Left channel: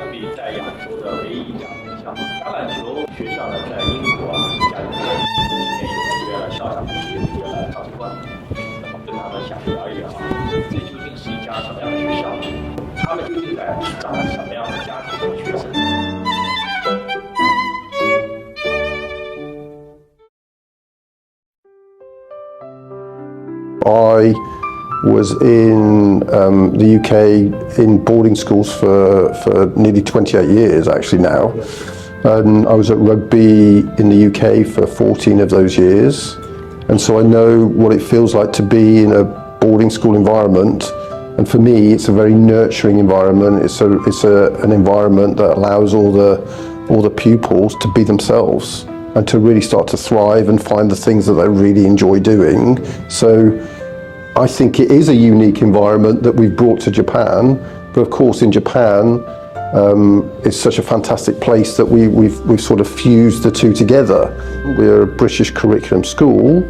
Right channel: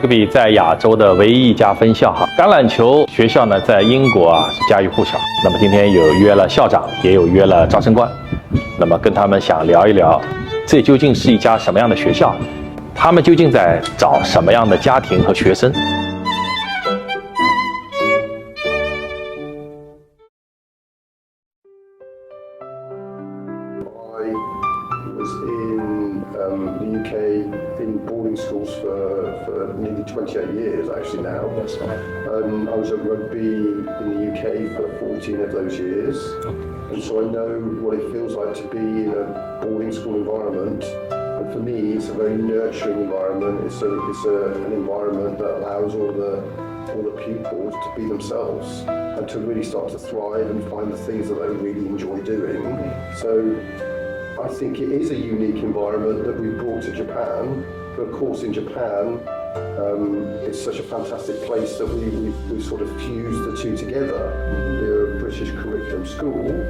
Rugby 在亚洲的唯一一家分校哈。橄榄球学校呢，在英国是家喻户晓。那么今天有约了校长，也有约了招生官，那么跟他们想聊一聊，这究竟是一家什么样的学校？他们究竟在找什么样的家庭和学生？ I was in the UK in boarding schools for nearly 28 years actually now. And I was at Rugby in the UK for 14 of those years. And so I know what it feels like to be in a boarding school environment. And for me, it's a very nurturing environment. It's an environment that allows all the pupils to be themselves and to really start to thrive and find the things that they really enjoy doing. So I think it is a unique environment that we've brought to Japan. But of course, in Japan, it's such a fantastic place that we've sort of fused the two together. We're a British curriculum school,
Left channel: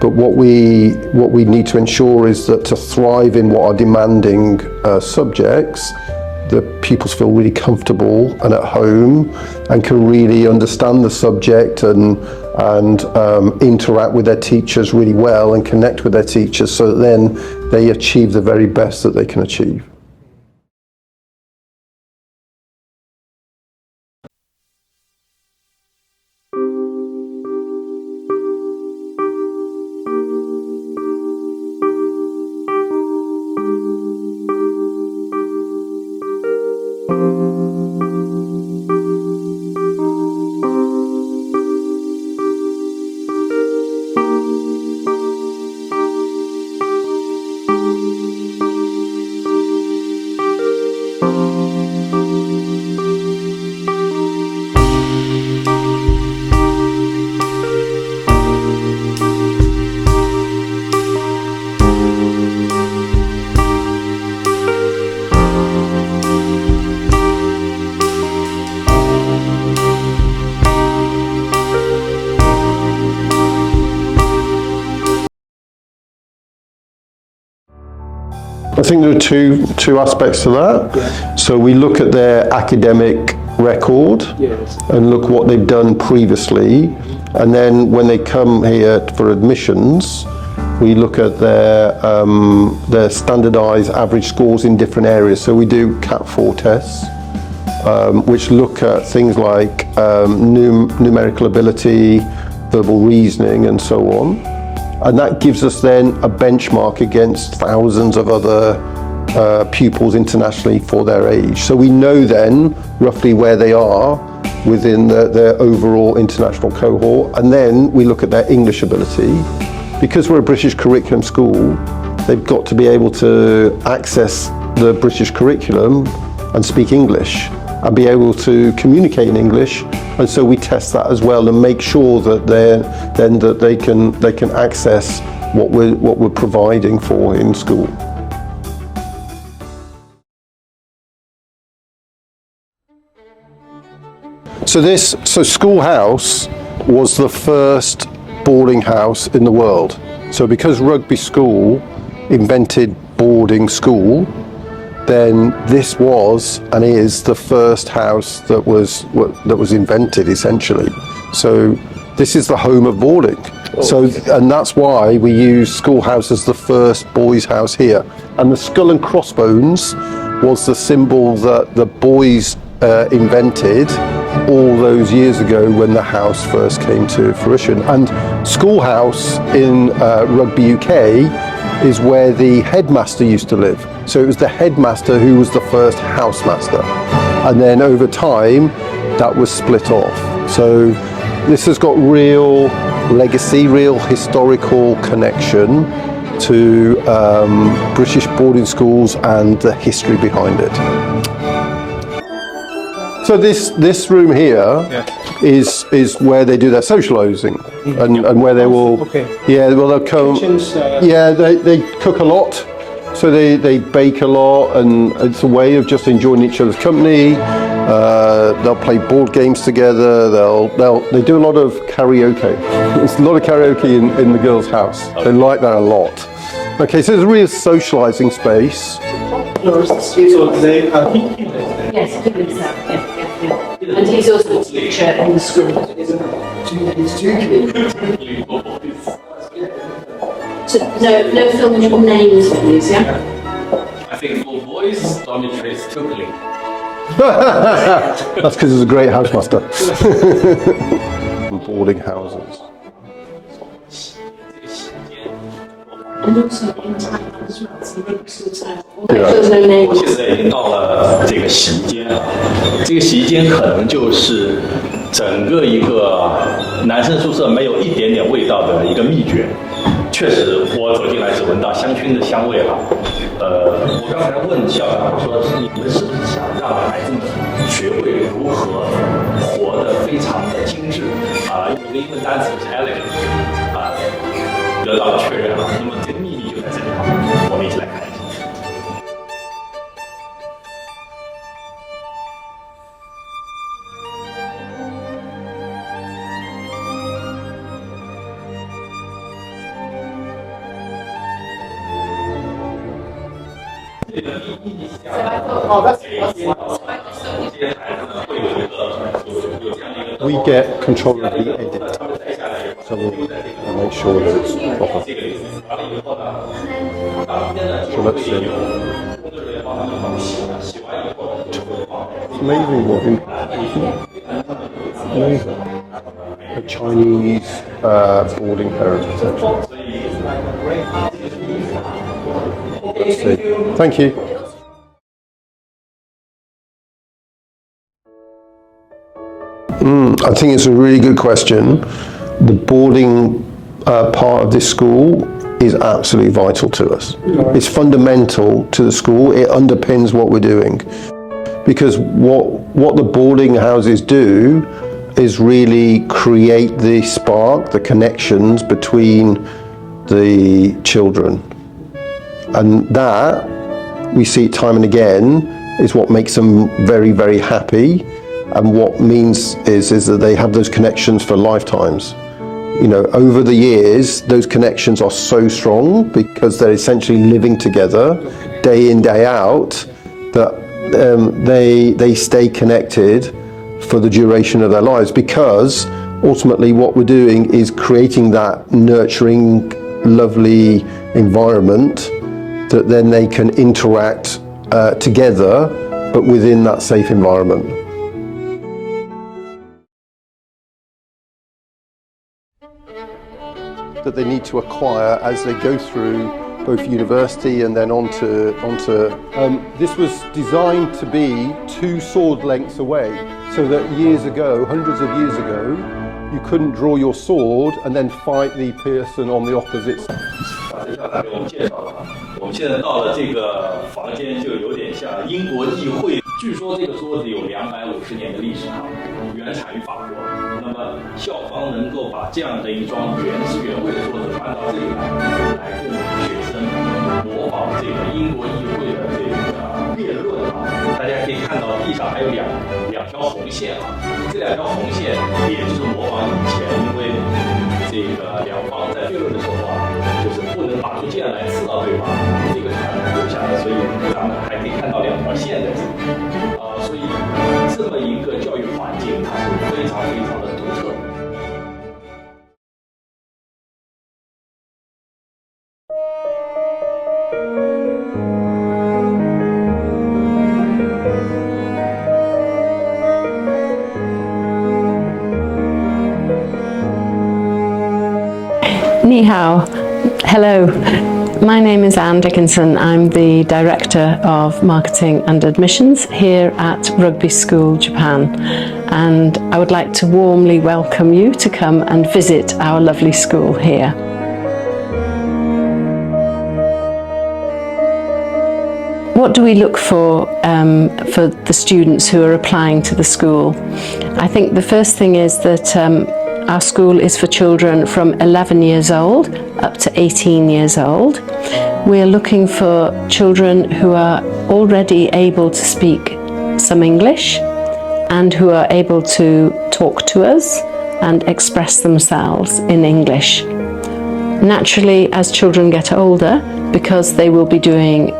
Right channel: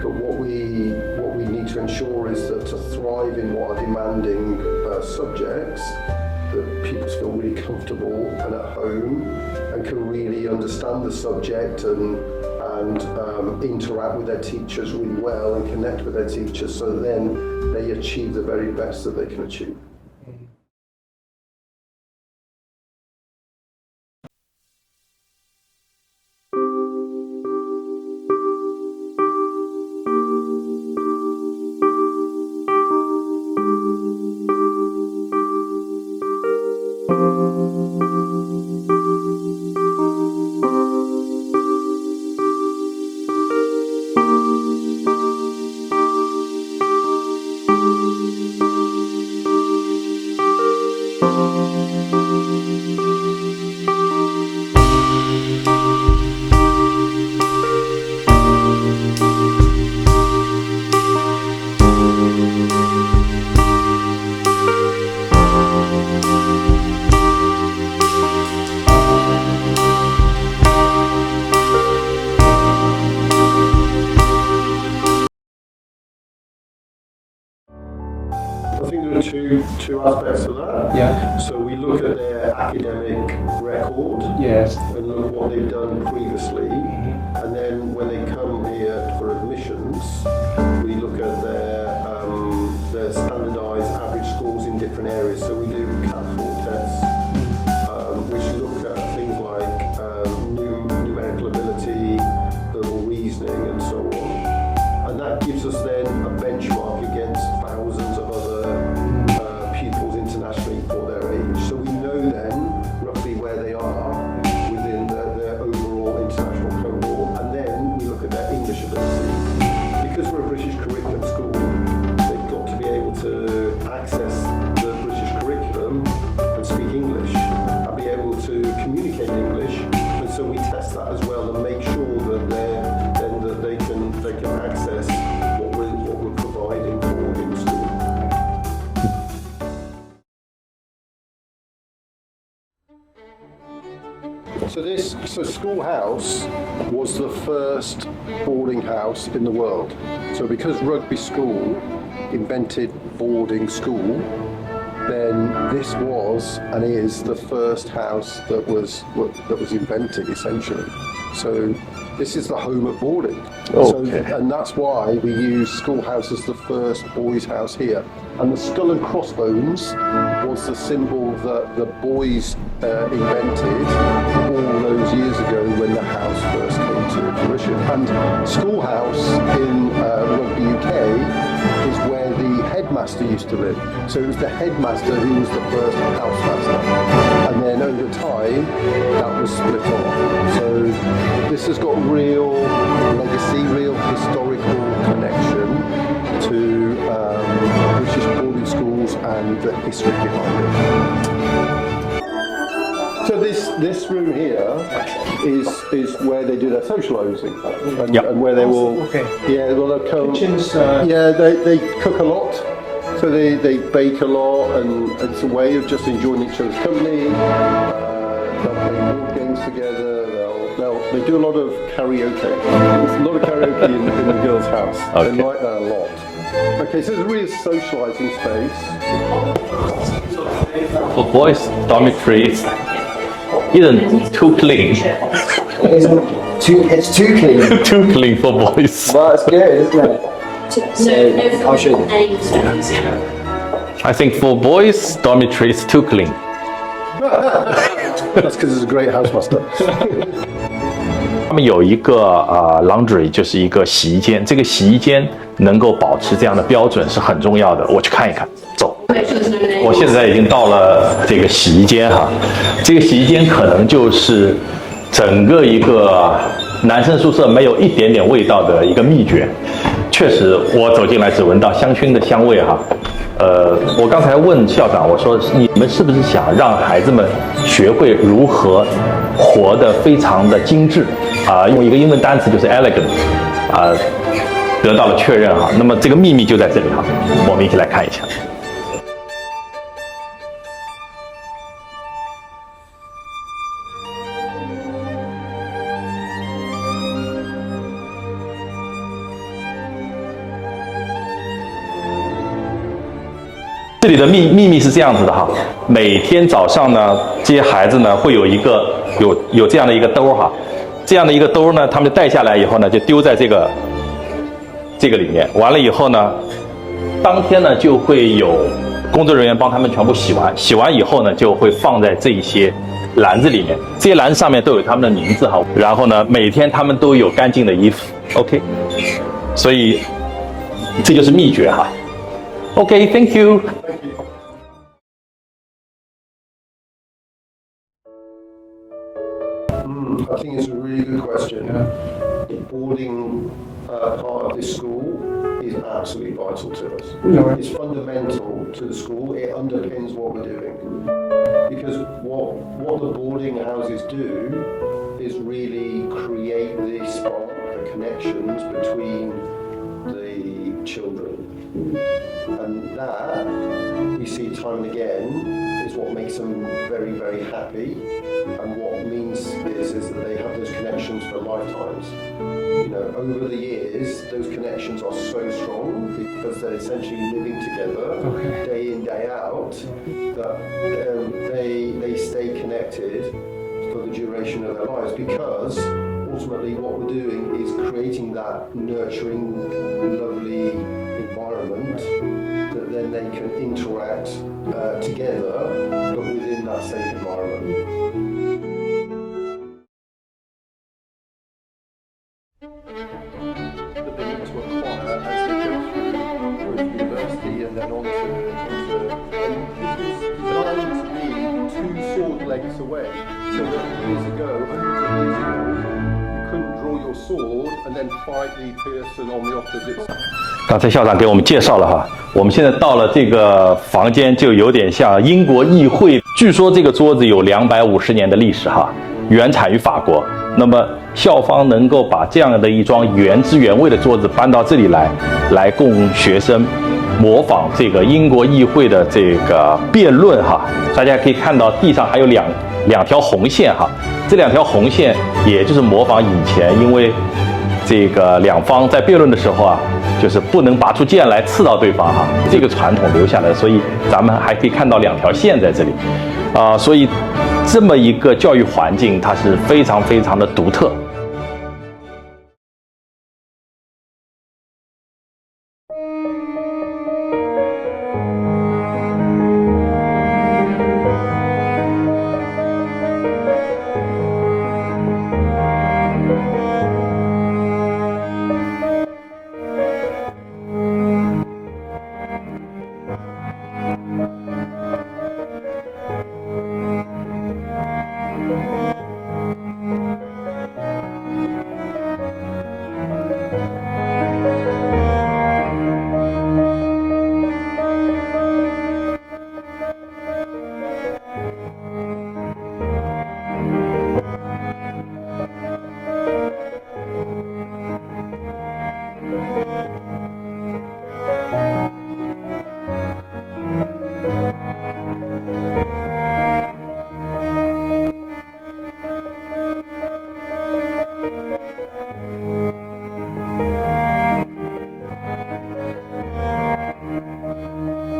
but what we need to ensure is that to thrive in what are demanding subjects, the pupils feel really comfortable and at home and can really understand the subject and interact with their teachers really well and connect with their teachers so that then they achieve the very best that they can achieve. I think there are two aspects to that. Yeah. So we look at their academic record, Yes. and look what they've done previously, and then when they come here for admissions, we look at their standardised average scores in different areas. So we do CAT 4 tests, which look at things like numerical ability, verbal reasoning, and so on. And that gives us then a benchmark against thousands of other pupils internationally for their age. So we know then roughly where they are within their overall international cohort. And then we look at their English ability. Because we're a British curriculum school, they've got to be able to access the British curriculum and speak English and be able to communicate in English. And so we test that as well and make sure that they can access what we're providing for in school. So Schoolhouse was the first boarding house in the world. So because Rugby School invented boarding school, then this was and is the first house that was invented essentially. So this is the home of boarding. And that's why we use Schoolhouse as the first boys' house here. And the skull and crossbones was the symbol that the boys invented all those years ago when the house first came to fruition. And Schoolhouse in Rugby UK is where the headmaster used to live. So it was the headmaster who was the first housemaster. And then over time, that was split off. So this has got real legacy, real historical connection to British boarding schools and the history behind it. So this room here is where they do their socialising and where they will they'll come. They cook a lot, so they bake a lot, and it's a way of just enjoying each other's company. They'll play board games together. They do a lot of karaoke. There's a lot of karaoke in the girls' house. Okay. They like that a lot. Okay, so it's really a socialising space. For boys, dormitories isn't too clean. It's too clean. Too clean for boys. Well, it's good, isn't it? No filming names, please, yeah? I think for boys, dormitory is too clean. That's because he's a great housemaster. 他们有一个laundry， 就是一个洗衣间。这个洗衣间能够保持这样的标准是很重要的。我去看一看，走。我现在已经到了这个洗衣间哈，这个洗衣间可能就是整个一个男生宿舍没有一点点味道的一个秘诀。确实，我走进来只闻到香薰的香味哈。我刚才问校长，我说你们是不是想让孩子们学会如何活得非常的精致用一个英文单词就是 elegant 得到了确认哈。那么这个秘密就在这里哈，我们一起来看一下。这里的秘密是这样子的哈，每天早上呢，这些孩子呢会有一个有这样的一个兜哈，这样的一个兜呢，他们带下来以后呢，就丢在这个里面。完了以后呢，当天呢就会有工作人员帮他们全部洗完，洗完以后呢就会放在这些篮子里面，这些篮子上面都有他们的名字哈。然后呢，每天他们都有干净的衣服，OK， 所以这就是秘诀哈。Okay, thank you. Thank you. I think it's a really good question. The boarding part of this school is absolutely vital to us. It's fundamental to the school. It underpins what we're doing. Because what the boarding houses do is really create the spark, the connections between the children. And that, we see it time and again, is what makes them very, very happy, and what means is that they have those connections for lifetimes. You know, over the years, those connections are so strong because they're essentially living together day in, day out, that they stay connected for the duration of their lives, because ultimately what we're doing is creating that nurturing, lovely environment that then they can interact together, but within that safe environment. That they need to acquire as they go through both university and then onto this was designed to be 2 sword lengths away, so that years ago, hundreds of years ago, you couldn't draw your sword and then fight the person on the opposite side. 刚才校长给我们介绍了哈，我们现在到了这个房间，就有点像英国议会。据说这个桌子有250年的历史哈，原产于法国。那么校方能够把这样的一桩原汁原味的桌子搬到这里来供学生模仿这个英国议会的这个辩论哈。大家可以看到地上还有两条红线哈，这2条红线也就是模仿以前因为这个两方在辩论的时候啊，就是不能拔出剑来刺到对方哈，这个传统留下来，所以咱们还可以看到2条线在这里，所以这么一个教育环境，它是非常非常的独特。Ni hao. Hello. My name is Anne Dickinson. I'm the Director of Marketing and Admissions here at Rugby School Japan, and I would like to warmly welcome you to come and visit our lovely school here. What do we look for the students who are applying to the school? I think the first thing is that our school is for children from 11 years old up to 18 years old. We're looking for children who are already able to speak some English and who are able to talk to us and express themselves in English. Naturally, as children get older, because they will be doing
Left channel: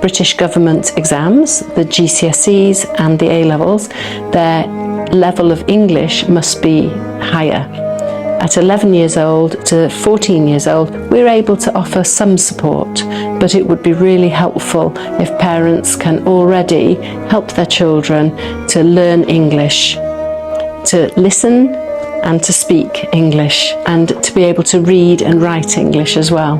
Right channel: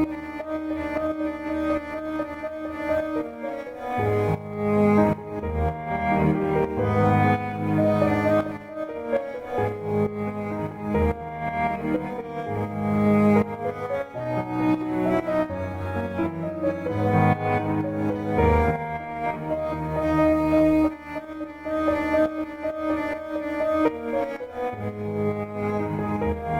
British government exams, the GCSEs and the A-levels, their level of English must be higher. At 11 years old to 14 years old, we're able to offer some support, but it would be really helpful if parents can already help their children to learn English, to listen and to speak English, and to be able to read and write English as well.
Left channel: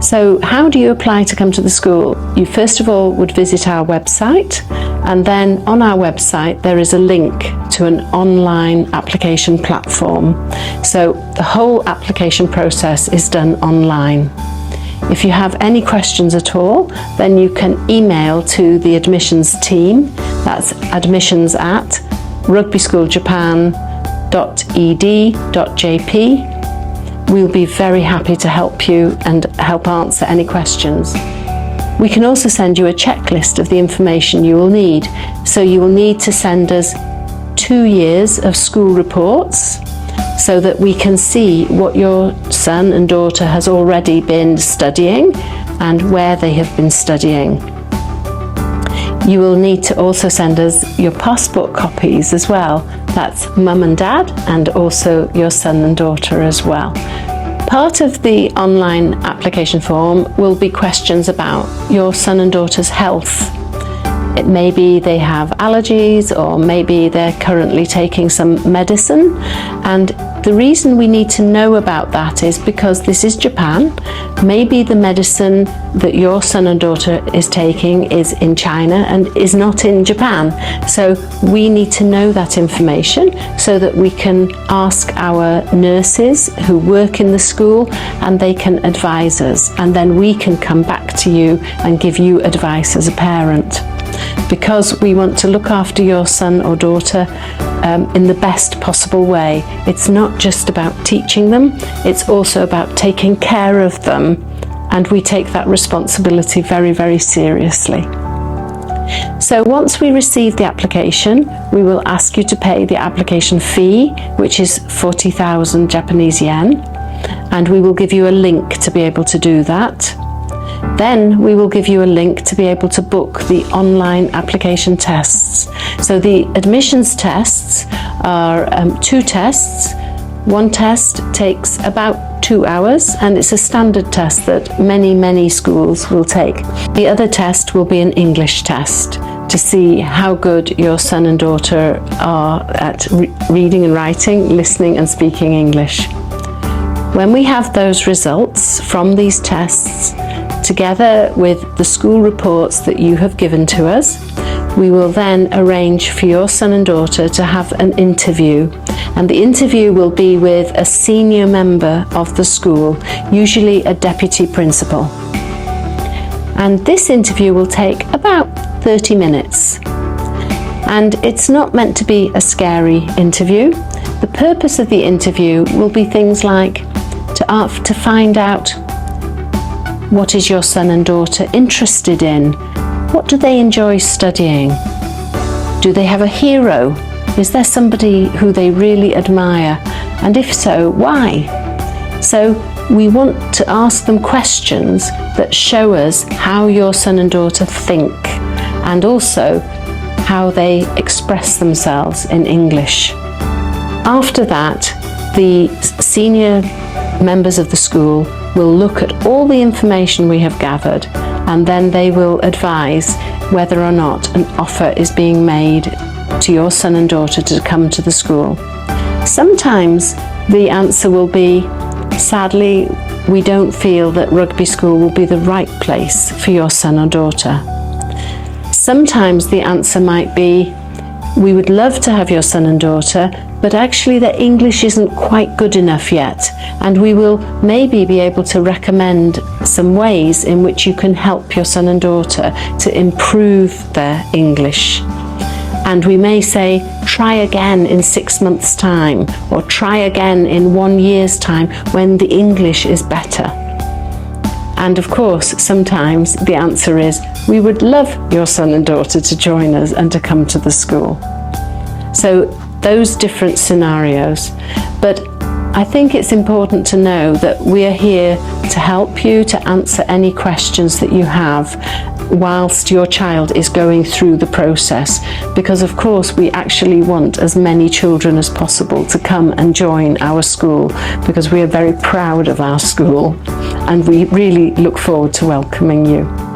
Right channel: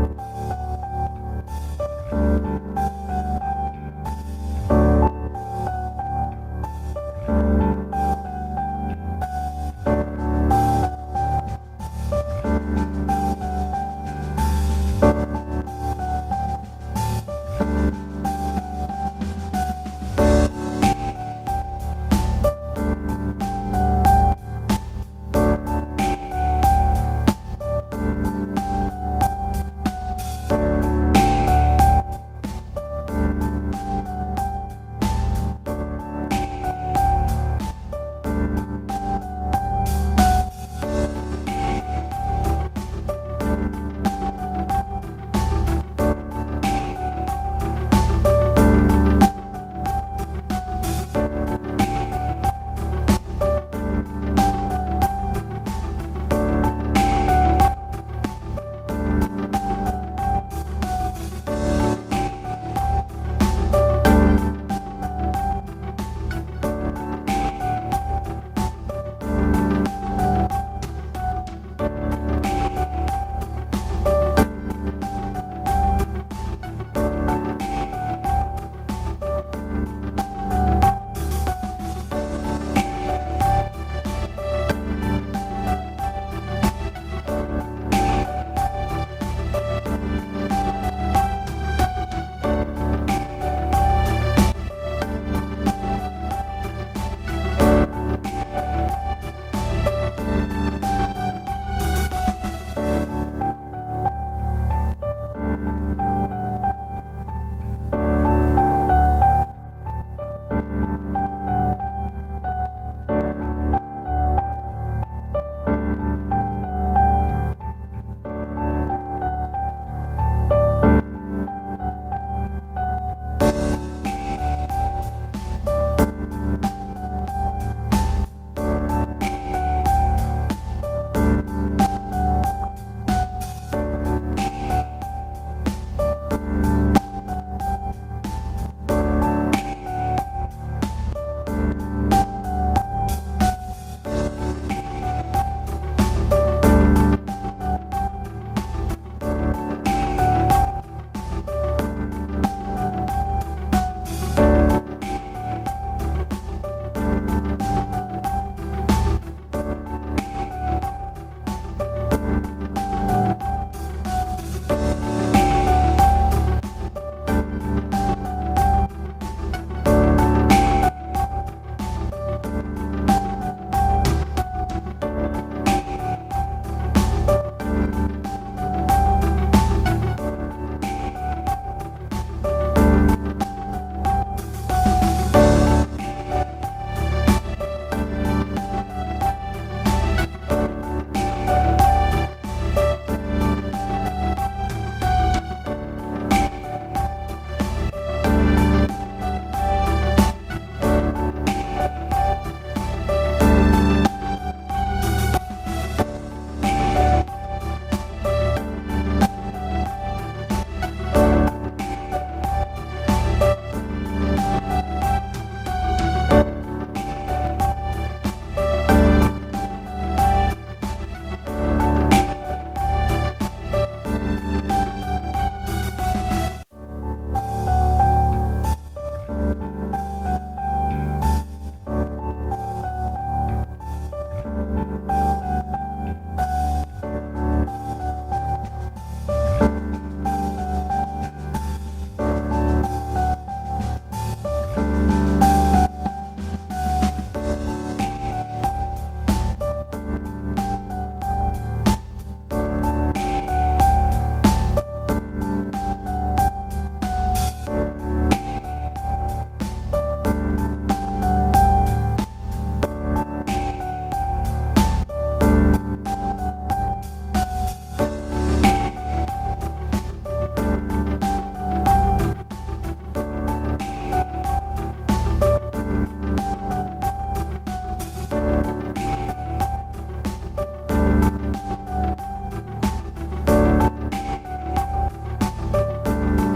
So how do you apply to come to the school? You first of all would visit our website, and then on our website there is a link to an online application platform. So the whole application process is done online. If you have any questions at all, then you can email to the admissions team. That's admissions@rugbyschooljapan.ed.jp. We'll be very happy to help you and help answer any questions. We can also send you a checklist of the information you will need. So you will need to send us 2 years of school reports so that we can see what your son and daughter has already been studying and where they have been studying. You will need to also send us your passport copies as well. That's mum and dad, and also your son and daughter as well. Part of the online application form will be questions about your son and daughter's health. It may be they have allergies, or maybe they're currently taking some medicine. And the reason we need to know about that is because this is Japan. Maybe the medicine that your son and daughter is taking is in China and is not in Japan. So we need to know that information so that we can ask our nurses who work in the school, and they can advise us. And then we can come back to you and give you advice as a parent. Because we want to look after your son or daughter in the best possible way. It's not just about teaching them, it's also about taking care of them, and we take that responsibility very, very seriously. So once we receive the application, we will ask you to pay the application fee, which is 40,000 Japanese yen, and we will give you a link to be able to do that. Then we will give you a link to be able to book the online application tests. So the admissions tests are 2 tests. One test takes about 2 hours, and it's a standard test that many schools will take. The other test will be an English test to see how good your son and daughter are at reading and writing, listening and speaking English. When we have those results from these tests, together with the school reports that you have given to us, we will then arrange for your son and daughter to have an interview. And the interview will be with a senior member of the school, usually a deputy principal. And this interview will take about 30 minutes. And it's not meant to be a scary interview. The purpose of the interview will be things like to find out, what is your son and daughter interested in? What do they enjoy studying? Do they have a hero? Is there somebody who they really admire? And if so, why? So we want to ask them questions that show us how your son and daughter think, and also how they express themselves in English. After that, the senior members of the school will look at all the information we have gathered, and then they will advise whether or not an offer is being made to your son and daughter to come to the school. Sometimes the answer will be, sadly, we don't feel that Rugby School will be the right place for your son or daughter. Sometimes the answer might be, we would love to have your son and daughter, but actually their English isn't quite good enough yet, and we will maybe be able to recommend some ways in which you can help your son and daughter to improve their English. And we may say, try again in 6 months' time, or try again in 1 year's time when the English is better. And of course, sometimes the answer is, we would love your son and daughter to join us and to come to the school. So those different scenarios. But I think it's important to know that we are here to help you, to answer any questions that you have whilst your child is going through the process, because of course we actually want as many children as possible to come and join our school, because we are very proud of our school and we really look forward to welcoming you.